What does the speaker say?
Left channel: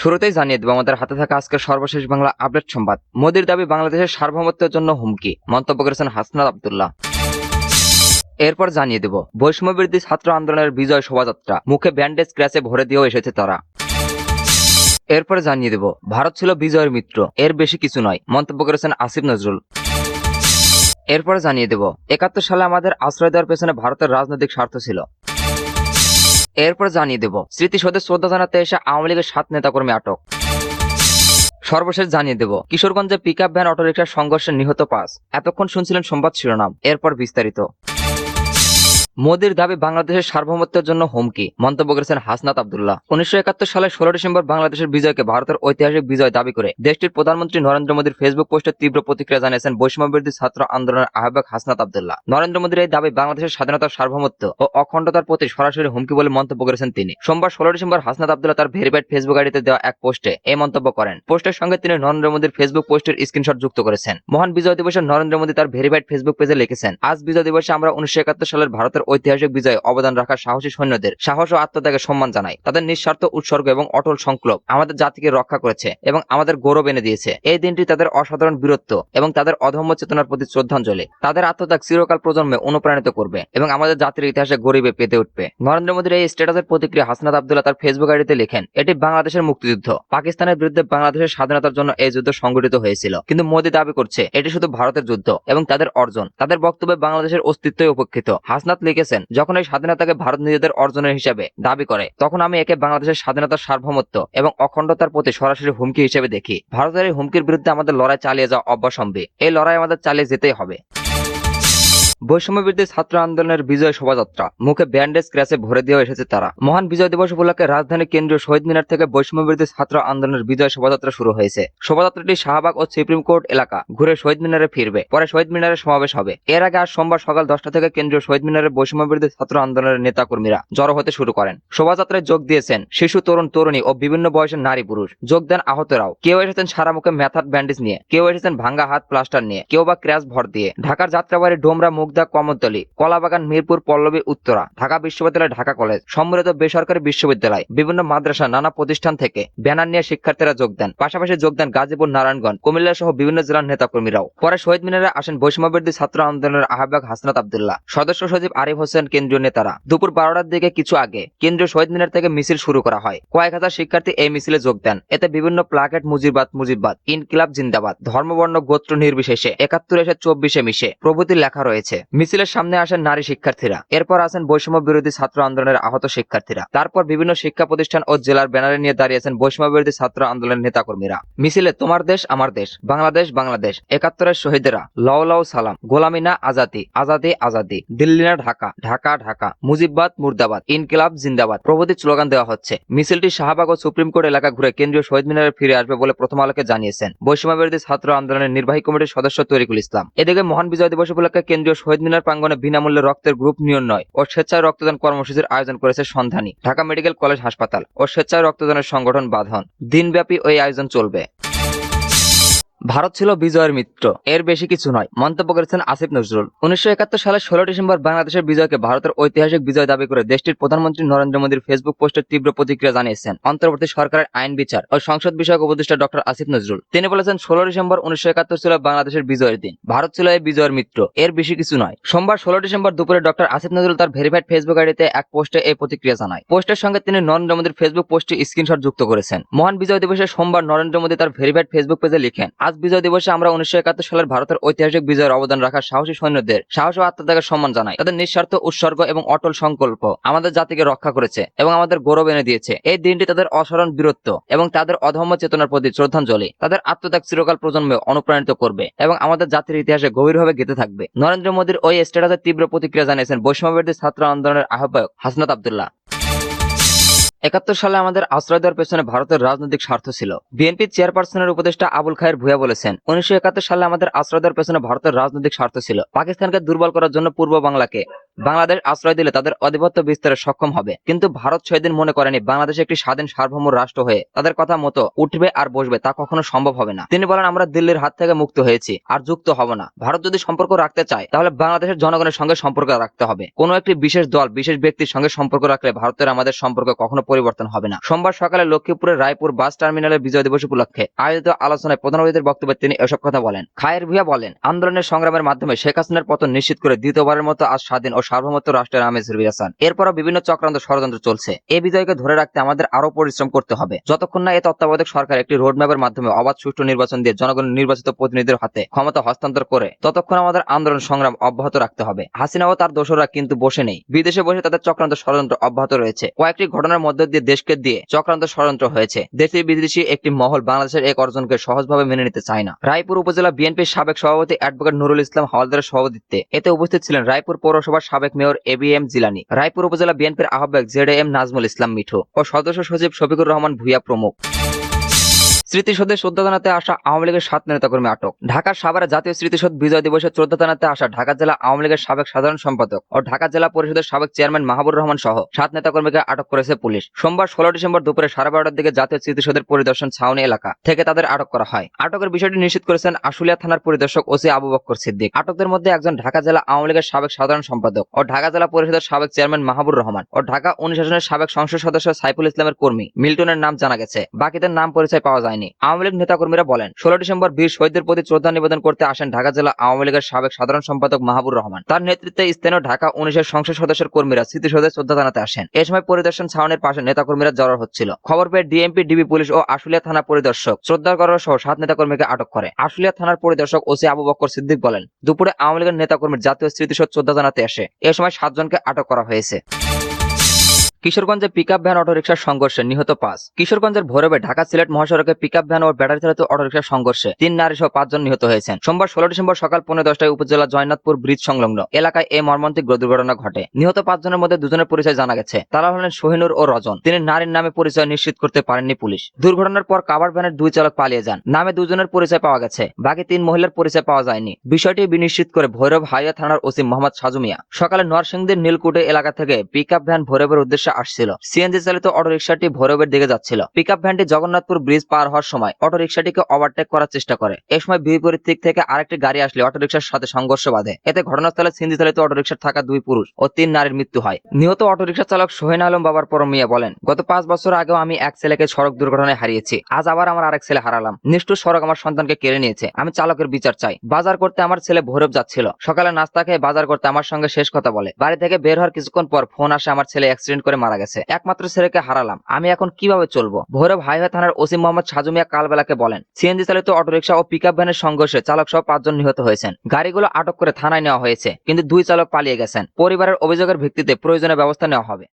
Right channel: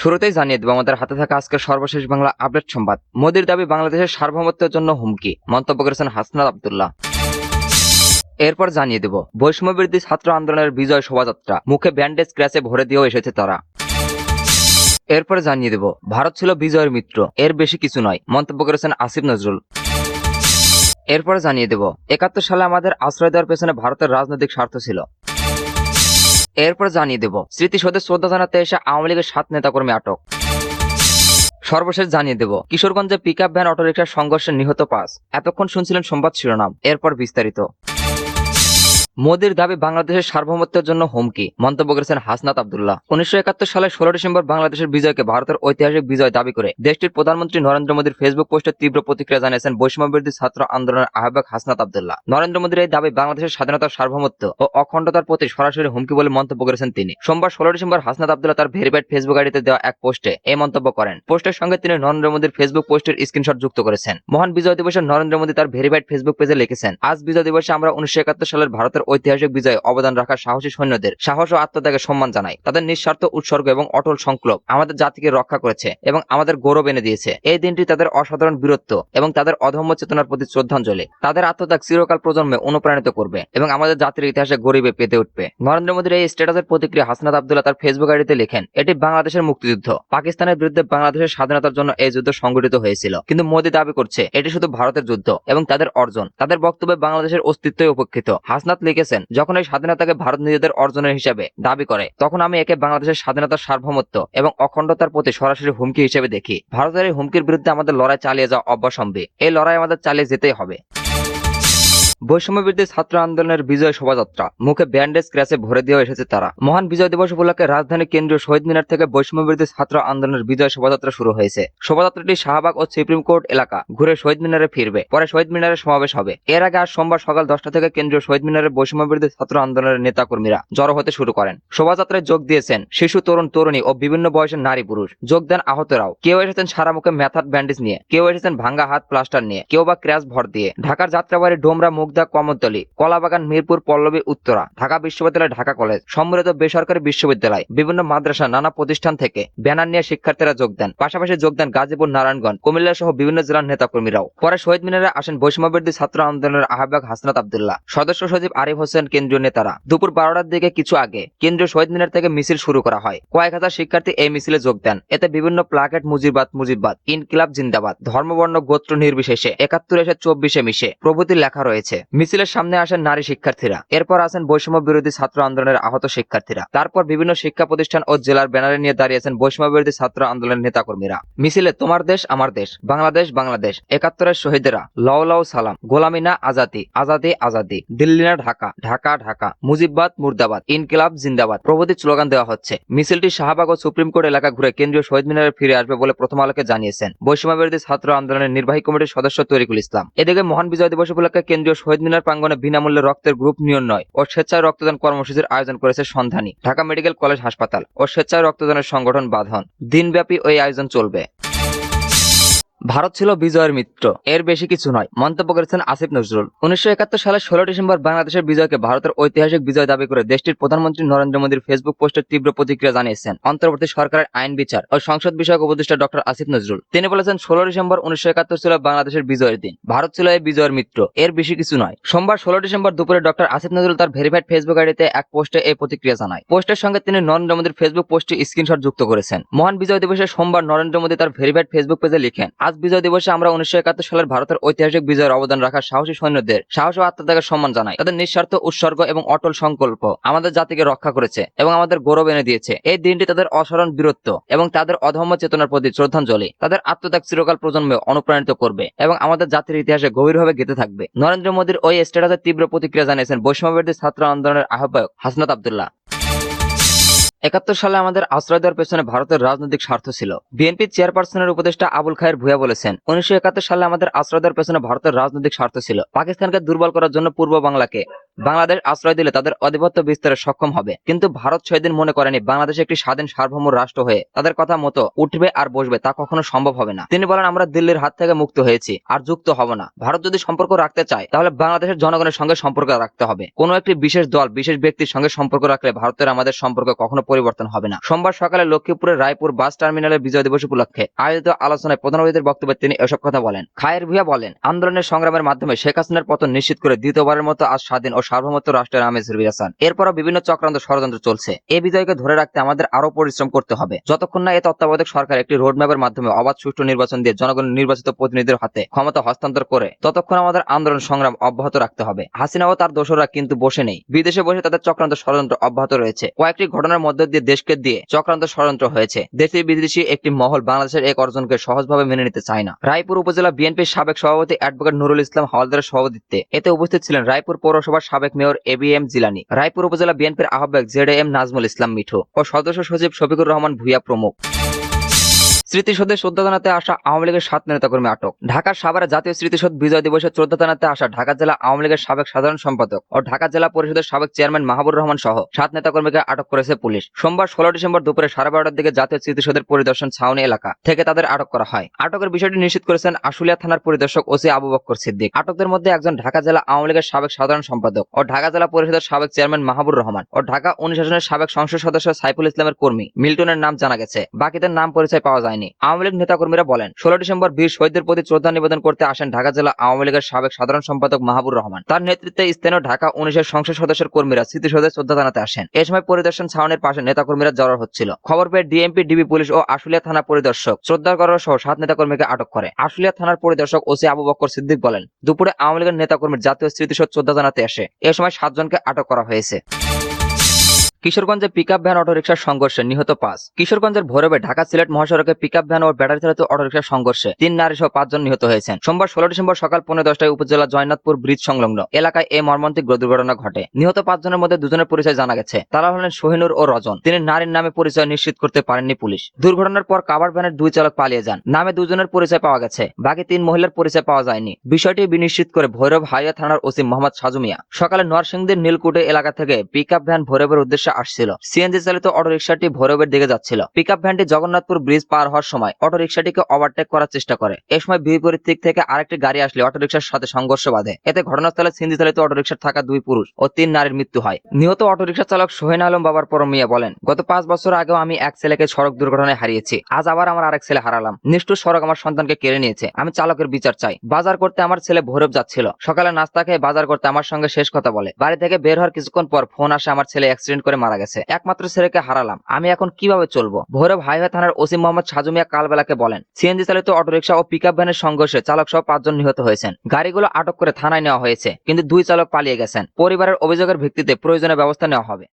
শুরুতেই জানিয়ে দেব আমাদের হাতে থাকা আজকের সর্বশেষ বাংলা আপডেট সংবাদ। মোদির দাবি বাংলাদেশের সার্বভৌমত্বের জন্য হুমকি, মন্তব্য করেছেন হাসনাত আব্দুল্লাহ। এরপর জানিয়ে দেব বৈষম্য বিরোধী ছাত্র আন্দোলনের বিজয় শোভাযাত্রা, মুখে ব্যান্ডেজ ক্রাসে ভরে দিয়েও এসেছে তারা। এরপর জানিয়ে দেব ভারত ছিল বিজয়ের মিত্র, এর বেশি কিছু নয়, মন্তব্য করেছেন আসিফ নজরুল। এরপর জানিয়ে দেব ৭১ সালে আমাদের আশ্রয় দেওয়ার পেছনে ভারতের রাজনৈতিক স্বার্থ ছিল। এরপর জানিয়ে দেব স্মৃতিসৌধে শ্রদ্ধা জানাতে এসে আওয়ামী লীগের ৭ নেতাকর্মী আটক। সর্বশেষ জানিয়ে দেব কিশোরগঞ্জে পিকআপ ভ্যান অটোরিকশার সংঘর্ষে নিহত ৫। এতক্ষণ শুনছিলেন সংবাদ শিরোনাম, এরপর বিস্তারিত। মোদির দাবি বাংলাদেশের সার্বভৌমত্বের জন্য হুমকি, মন্তব্য করেছেন হাসনাত আব্দুল্লাহ। ১৯৭১ সালের ১৬ ডিসেম্বর বাংলাদেশের বিজয়কে ভারতের ঐতিহাসিক বিজয় দাবি করে দেশটির প্রধানমন্ত্রী নরেন্দ্র মোদীর ফেসবুক পোস্টে তীব্র প্রতিক্রিয়া জানিয়েছেন বৈষম্য বিরোধী ছাত্র আন্দোলনের আহ্বায়ক হাসনাত আব্দুল্লাহ। নরেন্দ্র মোদীর এই দাবি বাংলাদেশের স্বাধীনতার সার্বভৌমত্ব ও অখণ্ডতার প্রতি সরাসরি হুমকি বলে মন্তব্য করেছেন তিনি। সোমবার ১৬ ডিসেম্বর হাসনাত আব্দুল্লাহ তার ভেরিফাইড ফেসবুক আইডিতে দেওয়া এক পোস্টে এই মন্তব্য করেন। পোস্টের সঙ্গে তিনি নরেন্দ্র মোদীর ফেসবুক পোস্টের স্ক্রিনশট যুক্ত করেছেন। মহান বিজয় দিবসে নরেন্দ্র মোদী তার ভেরিফাইড ফেসবুক পেজে লিখেছেন, আজ বিজয় দিবসে আমরা ১৯৭১ সালের ভারতের ঐতিহাসিক বিজয়ে অবদান রাখা সাহসী সৈন্যদের সাহস ও আত্মত্যাগের সম্মান জানাই। তাদের নিঃস্বার্থ উৎসর্গ এবং অটল সংকল্প আমাদের জাতিকে রক্ষা করেছে এবং আমাদের গৌরব এনে দিয়েছে। এই দিনটি তাদের অসাধারণ বীরত্ব এবং তাদের অধম্য চেতনার প্রতি শ্রদ্ধাঞ্জলি। তাদের আত্মত্যাগ চিরকাল প্রজন্মে অনুপ্রাণিত করবে এবং আমাদের জাতির ইতিহাসে গরিবে পেতে উঠবে। নরেন্দ্র মোদীর এই স্ট্যাটাসের প্রতিক্রিয়া হাসনাত আব্দুল্লাহ তার ফেসবুক আইডিতে লেখেন, এটি বাংলাদেশের মুক্তিযুদ্ধ। পাকিস্তানের বিরুদ্ধে বাংলাদেশের স্বাধীনতার জন্য এই যুদ্ধ সংগঠিত হয়েছিল, কিন্তু মোদী দাবি করছে এটি শুধু ভারতের যুদ্ধ এবং তাদের অর্জন। তাদের বক্তব্যে বাংলাদেশের অস্তিত্বই উপেক্ষিত। হাসনাত লিখেছেন, যখন এই স্বাধীনতাকে ভারত নিজেদের অর্জনের হিসাবে দাবি করে তখন আমি একে বাংলাদেশের স্বাধীনতার সার্বভৌমত্ব এবং অখণ্ডতার প্রতি সরাসরি হুমকি হিসেবে দেখি। ভারতের এই হুমকির বিরুদ্ধে আমাদের লড়াই চালিয়ে যাওয়া অবশ্যম্ভাবী। এই লড়াই আমাদের চালিয়ে যেতেই হবে। বৈষম্য বিরোধী ছাত্র আন্দোলনের বিজয় শোভাযাত্রা, মুখে ব্যান্ডেজ ক্রাসে ভরে দিয়েও এসেছে তারা। মহান বিজয় দিবস উপলক্ষে রাজধানীর কেন্দ্রীয় শহীদ মিনার থেকে বৈষম্য বিরোধী ছাত্র আন্দোলনের বিজয় শোভাযাত্রা শুরু হয়েছে। শোভাযাত্রাটি শাহবাগ ও সুপ্রিম কোর্ট এলাকা ঘুরে শহীদ মিনারে ফিরবে, পরে শহীদ মিনারে সমাবেশ হবে। এর আগে আজ সোমবার সকাল ১০টা থেকে কেন্দ্রীয় শহীদ মিনারে বৈষম্য বিরোধী ছাত্র আন্দোলনের নেতা কর্মীরা জড়ো হতে শুরু করেন। শোভাযাত্রায় যোগ দিয়েছেন শিশু, তরুণ, তরুণী ও বিভিন্ন বয়সের নারী পুরুষ। যোগ দেন আহতরাও। কেউ এসেছেন সারা মুখে ম্যাথার ব্যান্ডেজ নিয়ে, কেউ এসেছেন ভাঙ্গা হাত প্লাস্টার নিয়ে, কেউ বা ক্র্যাশ ভর দিয়ে। ঢাকার যাত্রাবাড়ি, ডোমরা, মুগদা, কমতলী, কলাবাগান, মিরপুর, পল্লবী, উত্তরা, ঢাকা বিশ্ববিদ্যালয়, ঢাকা কলেজ, সম্মিলিত বেসরকারি বিশ্ববিদ্যালয়, বিভিন্ন মাদ্রাসা, নানা প্রতিষ্ঠান থেকে ব্যানার নিয়ে শিক্ষার্থীরা যোগ দেন। পাশাপাশি যোগ দেন গাজীপুর, নারায়ণগঞ্জ, কুমিল্লা সহ বিভিন্ন জেলার নেতা কর্মীরাও। পরে শহীদ মিনারে আসেন বৈষম্য বিরোধী ছাত্র আন্দোলনের আহ্বায়ক হাসনাত আব্দুল্লাহ, সদস্য সচিব আরিফ হোসেন, কেন্দ্রীয় নেতারা। দুপুর ১২টার দিকে কিছু আগে কেন্দ্রীয় শহীদ মিনার থেকে মিছিল শুরু করা হয়। কয়েক হাজার শিক্ষার্থী এই মিছিলে যোগ দেন। এতে বিভিন্ন প্লাকেট মুজিবাদ, মুজিবাদ, ইনকিলাব জিন্দাবাদ, ধর্মবর্ণ গোত্র নির্বিশেষে ৭১ এসে ২৪ মিশে প্রভৃতি লেখা রয়েছে। মিছিলের সামনে আসেন নারী শিক্ষার্থীরা। এরপর আসেন বৈষম্য বিরোধী ছাত্র আন্দোলনের আহত শিক্ষার্থীরা। তারপর বিভিন্ন শিক্ষা প্রতিষ্ঠান ও জেলার ব্যানারে নিয়ে দাঁড়িয়েছেন বৈষম্য বিরোধী ছাত্র আন্দোলনের নেতাকর্মীরা। মিছিলে তোমার দেশ আমার দেশ, বাংলাদেশ বাংলাদেশ, ৭১ শহীদেরা, লও লও সালাম, গোলামি না আজাদি, আজাদি আজাদি, দিল্লি না ঢাকা, ঢাকা ঢাকা, মুজিববাদ মুর্দাবাদ, ইনকিলাব জিন্দাবাদ প্রভৃতি স্লোগান দেওয়া হচ্ছে। মিছিলটি শাহবাগ ও সুপ্রিম কোর্ট এলাকা ঘুরে কেন্দ্রীয় শহীদ মিনারে ফিরে আসবে বলে প্রথম আলোকে জানিয়েছেন বৈষম্য বিরোধী ছাত্র আন্দোলনের নির্বাহী কমিটির সদস্য তরিকুল ইসলাম। এদিকে মহান বিজয় দিবস উপলক্ষে কেন্দ্রীয় শহীদ মিনার প্রাঙ্গণে বিনামূল্যে রক্তের গ্রুপ নির্ণয় ও স্বেচ্ছায় রক্তদান কর্মসূচির আয়োজন করেছে সন্ধানী, ঢাকা মেডিকেল কলেজ হাসপাতাল ও স্বেচ্ছায় রক্তদানের সংগঠন বাঁধন। দিনব্যাপী ওই আয়োজন চলবে। ভারত ছিল বিজয়ের মিত্র, এর বেশি কিছু নয়, মন্তব্য করেছেন আসিফ নজরুল। ১৯৭১ সালের ১৬ ডিসেম্বর বাংলাদেশের বিজয়কে ভারতের ঐতিহাসিক বিজয় দাবি করে দেশটির প্রধানমন্ত্রী নরেন্দ্র মোদীর ফেসবুক পোস্টের তীব্র প্রতিক্রিয়া জানিয়েছেন অন্তর্বর্তী সরকারের আইন বিচার ও সংসদ বিষয়ক উপদেষ্টা ডক্টর আসিফ নজরুল। তিনি বলেছেন, ১৬ ডিসেম্বর ১৯৭১ ছিল বাংলাদেশের বিজয়ের দিন। ভারত ছিল এই বিজয়ের মিত্র, এর বেশি কিছু নয়। সোমবার ১৬ ডিসেম্বর দুপুরে ডক্টর আসিফ নজরুল তার ভেরিফাইড ফেসবুক আইডিতে এক পোস্টে এই প্রতিক্রিয়া জানায়। পোস্টের সঙ্গে তিনি নরেন্দ্র মোদীর ফেসবুক পোস্টে স্ক্রিনশট যুক্ত করেছেন। মহান বিজয় দিবসে সোমবার নরেন্দ্র মোদী তার ভেরিফাইড ফেসবুক পেজে লিখেন, আজ বিজয় দিবসে আমরা ১৯৭১ সালের ভারতের ঐতিহাসিক বিজয়ের অবদান রাখা সাহসী সৈন্যদের সাহস ও আত্মত্যাগের সম্মান জানাই। তাদের নিঃস্বার্থ উৎসর্গ এবং অটল সংকল্প আমাদের জাতিকে রক্ষা করেছে এবং আমাদের গৌরব এনে দিয়েছে। এই দিনটি তাদের অসাধারণ বীরত্ব এবং তাদের অধম্য চেতনার প্রতি শ্রদ্ধাঞ্জলি। তাদের আত্মত্যাগ চিরকাল প্রজন্মে অনুপ্রাণিত করবে এবং আমাদের জাতির ইতিহাসে গভীরভাবে গেঁথে থাকবে। নরেন্দ্র মোদীর ওই স্ট্যাটাসে তীব্র প্রতিক্রিয়া জানিয়েছেন বৈষম্য বিরোধী ছাত্র আন্দোলনের আহ্বায়ক হাসনাত আব্দুল্লাহ। ৭১ সালে আমাদের আশ্রয় দেওয়ার পেছনে ভারতের রাজনৈতিক স্বার্থ ছিল। বিএনপি চেয়ারপারসনের উপদেষ্টা আবুল খায়ের ভূঁইয়া বলেছেন, ১৯৭১ সালে আমাদের আশ্রয় দেওয়ার পেছনে ভারতের রাজনৈতিক স্বার্থ ছিল। পাকিস্তানকে দুর্বল করার জন্য পূর্ব বাংলাকে বাংলাদেশ আশ্রয় দিলে তাদের আধিপত্য বিস্তারে সক্ষম হবে। কিন্তু ভারত সেদিন মনে করেনি বাংলাদেশ একটি স্বাধীন সার্বভৌম রাষ্ট্র হয়ে তাদের কথা মতো উঠবে আর বসবে, তা কখনো সম্ভব হবে না। তিনি বলেন, আমরা দিল্লির হাত থেকে মুক্ত হয়েছি, আর যুক্ত হব না। ভারত যদি সম্পর্ক রাখতে চায় তাহলে বাংলাদেশের জনগণের সঙ্গে সম্পর্ক রাখতে হবে। কোন একটি বিশেষ দল বিশেষ ব্যক্তির সঙ্গে সম্পর্ক রাখলে ভারতের আমাদের সম্পর্কে কখনো পরিবর্তন হবে না। সোমবার সকালে লক্ষ্মীপুরের রায়পুর বাস টার্মিনালে বিজয় দিবস উপলক্ষে আয়োজিত আলোচনায় প্রধান অতিথির বক্তব্যে তিনি এসব কথা বলেন। খায়ের ভূঁইয়া বলেন, আন্দোলনের সংগ্রামের মাধ্যমে শেখ হাসিনার পতন নিশ্চিত করে দ্বিতীয়বারের মতো আজ স্বাধীন ও সার্বভৌমত্ব রাষ্ট্রের আমেজ ফিরেছেন। এরপরও বিভিন্ন চক্রান্ত ষড়যন্ত্র চলছে। এই বিজয়কে ধরে রাখতে আমাদের আরো পরিশ্রম করতে হবে। যতক্ষণ না এই তত্ত্বাবধায়ক সরকার একটি রোডম্যাপের মাধ্যমে অবাধ সুষ্ঠু নির্বাচন দিয়ে জনগণের নির্বাচিত প্রতিনিধিদের হাতে ক্ষমতা হস্তান্তর করে, ততক্ষণ আমাদের আন্দোলন সংগ্রাম অব্যাহত রাখতে হবে। হাসিনা ও তার দোসররা কিন্তু বসে নেই, বিদেশে বসে তাদের চক্রান্ত ষড়যন্ত্র অব্যাহত রয়েছে। কয়েকটি ঘটনার মধ্যে দিয়ে দেশকে দিয়ে চক্রান্ত ষড়যন্ত্র হয়েছে। দেশি বিদেশি একটি মহল বাংলাদেশের এক অর্জনকে সহজভাবে মেনে নিতে চায় না। রায়পুর উপজেলা বিএনপির সাবেক সভাপতি অ্যাডভোকেট নুরুল ইসলাম হাওলাদারের সভাপতিত্বে এতে উপস্থিত ছিলেন রায়পুর পৌরসভার সাবেক মেয়র এবিএম জিলানী, রায়পুর উপজেলা বিএনপির আহ্বায়ক জেডএম নাজমুল ইসলাম মিঠু ও সদস্য সচিব শফিকুর রহমান ভূঁইয়া প্রমুখ। স্মৃতিসৌধে শ্রদ্ধা জানাতে আসা আওয়ামী লীগের 7 নেতাকর্মী আটক। ঢাকার সাভারে জাতীয় স্মৃতিসৌধ বিজয় দিবসে শ্রদ্ধা জানাতে আসা ঢাকা জেলা আওয়ামী লীগের সাবেক সাধারণ সম্পাদক ও ঢাকা জেলা পরিষদের সাবেক চেয়ারম্যান মাহবুবুর রহমান সহ 7 নেতাকর্মীকে আটক করেছে পুলিশ। সোমবার 16 ডিসেম্বর দুপুরে 12:30টার দিকে জাতীয় স্মৃতিসৌধের পরিদর্শন ছাউনি এলাকা থেকে তাদের আটক করা হয়। আটকের বিষয়টি নিশ্চিত করেছেন আশুলিয়া থানার পরিদর্শক ওসি আবু বকর সিদ্দিক। আটকদের মধ্যে একজন ঢাকা জেলা আওয়ামী লীগের সাবেক সাধারণ সম্পাদক ও ঢাকা জেলা পরিষদের সাবেক চেয়ারম্যান মাহবুবুর রহমান ও ঢাকা 19 আসনের সাবেক সংসদ সদস্য সাইফুল ইসলামের কর্মী মিল্টনের নাম জানা গেছে, বাকিদের নাম পরিচয় পাওয়া যায়নি। আওয়ামী লীগ নেতাকর্মীরা বলেন, 16 ডিসেম্বর বীর শহীদদের প্রতি শ্রদ্ধা নিবেদন করতে আসেন ঢাকা জেলা আওয়ামী লীগের সাবেক সাধারণ সম্পাদক মাহবুবুর রহমান। তার নেতৃত্বে স্থানীয় ঢাকা 19 এর সংসদ সদস্যের কর্মীরা স্মৃতিসৌধে শ্রদ্ধা জানাতে আসেন। এই সময় পরিদর্শন ছাউনির পাশে নেতাকর্মীরা জড়ো হচ্ছিল। খবর পেয়ে ডিএমপি, ডিবি পুলিশ ও আশুলিয়া থানা পরিদর্শক শ্রদ্ধা করার সহ 7 নেতাকর্মীকে আটক করে। আশুলিয়া থানার পরিদর্শক ওসি আবু বকর সিদ্দিক বলেন, দুপুরে আওয়ামী লীগের নেতাকর্মীর জাতীয় স্মৃতিসৌধ শ্রদ্ধা জানাতে আসে। এ সময় 7 জনকে আটক করা হয়েছে। কিশোরগঞ্জে পিকআপ ভ্যান অটোরিকশার সংঘর্ষে নিহত 5। কিশোরগঞ্জের ভৈরবে ঢাকা সিলেট মহাসড়কে পিকআপ ভ্যান ও ব্যাটারি চালিত অটোরিকশার সংঘর্ষে 3 নারী সহ 5 জন নিহত হয়েছেন। সোমবার 16 ডিসেম্বর সকাল 10:15টায় উপজেলা জয়নাথপুর ব্রিজ সংলগ্ন এলাকায় এই মর্মান্তিক দুর্ঘটনা ঘটে। নিহত 5 জনের মধ্যে 2 জনের পরিচয় জানা গেছে। তারা হলেন শহীনুর ও রজন। তিনি নারীর নামে পরিচয় নিশ্চিত করতে পারেননি পুলিশ। দুর্ঘটনার পর কাভার ভ্যানের 2 চালক পালিয়ে যান। নামে 2 জনের পরিচয় পাওয়া গেছে, বাকি 3 মহিলার পরিচয় পাওয়া যায়নি। বিষয়টি বিনিশ্চিত করে ভৈরব হাইওয়ে থানার ওসি মোহাম্মদ সাজু মিয়া সকালে নরসিংদীর নীলকুঠি এলাকা থেকে পিকআপ ভ্যান ভৈরবের উদ্দেশ্যে আসছিল। সিএনজি চালিত অটোরিকশাটি ভৈরবের দিকে যাচ্ছিল। পিকআপ ভ্যানটি জগন্নাথপুর ব্রিজ পার হওয়ার সময় অটোরিকশাটিকে ওভারটেক করার চেষ্টা করে। এই সময় বিপরীত দিক থেকে আরেকটি গাড়ি আসলে অটোরিকশার সাথে সংঘর্ষ বাধে। এতে ঘটনাস্থলে সিএনজি চালিত অটোরিকশার থাকা 2 পুরুষ ও 3 নারীর মৃত্যু হয়। নিহত অটোরিকশা চালক সোহেন আলম বাবার পরম মিয়া বলেন, গত 5 বছর আগেও আমি এক ছেলেকে সড়ক দুর্ঘটনায় হারিয়েছি। আজ আবার আমার আরেক ছেলে হারালাম। নিষ্ঠুর সড়ক আমার সন্তানকে কেড়ে নিয়েছে। আমি চালকের বিচার চাই। বাজার করতে আমার ছেলে ভৈরব যাচ্ছিল। সকালে নাস্তা খেয়ে বাজার করতে আমার সঙ্গে শেষ কথা বলে বাড়ি থেকে বের হওয়ার কিছুক্ষণ পর ফোন আসে আমার ছেলে অ্যাক্সিডেন্ট করে মারা গেছে। একমাত্র ছেলেকে হারালাম। আমি এখন কিভাবে চলবো? ভৈরব হাইওয়ে থানার ওসি মোহাম্মদ সাজু মিয়া কালবেলাকে বলেন, সিএনজি চালিত অটোরিকশা ও পিকআপ ভ্যানের সংঘর্ষে চালক সহ 5 জন নিহত হয়েছেন। গাড়িগুলো আটক করে থানায় নেওয়া হয়েছে, কিন্তু 2 চালক পালিয়ে গেছেন। পরিবারের অভিযোগের ভিত্তিতে প্রয়োজনীয় ব্যবস্থা নেওয়া হবে।